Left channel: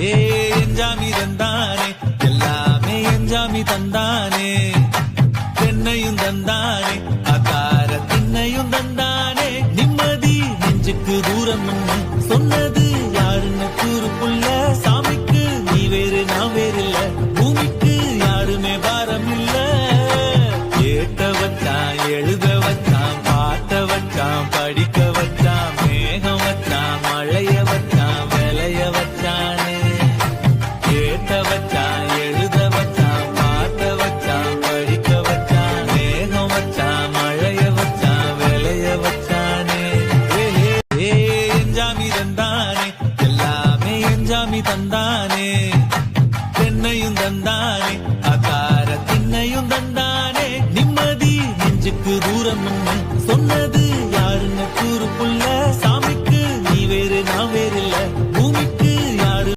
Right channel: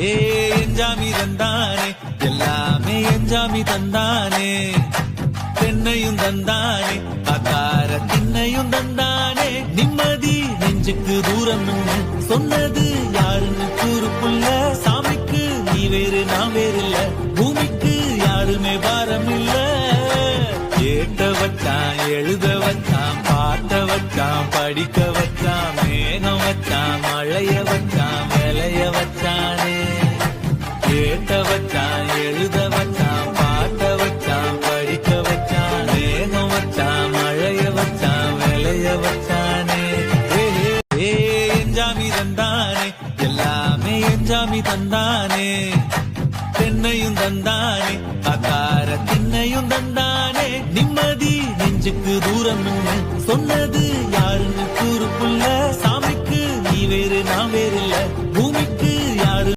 ஏ எஞ்சாமி தந்தானே எல்லாமே எஞ்சாமி தந்தானே தென்னையும் தந்தானே அத்தார திண்ணையும் தந்தானே நிம்மதி நெஞ்சுக்கு தூரம் சொன்னது யாருன்னு கூறுப்புள்ள சாமிக்கு நீ வேறு நான் வேறு இல்ல பூமிக்கு யாருமே பாரம் இல்ல ஏத்த வச்சான் எழுத வச்சான் பாட்ட வச்சான் படிக்க வச்சான் மேகம் வச்சான் மழைய வச்சான் விளைய வச்சானே ஏத்த வச்சான் எழுத வச்சான் பாட்ட வச்சான் படிக்க வச்சான் மேகம் வச்சான் மழைய வச்சான் விளைய வச்சானே ஏ எஞ்சாமி தந்தானே எல்லாமே எஞ்சாமி தந்தானே தென்னையும் தந்தானே அத்தார திண்ணையும் தந்தானே நிம்மதி நெஞ்சுக்கு தூரம் சொன்னது யாருன்னு கூறுப்புள்ள சாமிக்கு நீ வேறு நான் வேறு இல்ல பூமிக்கு யாரு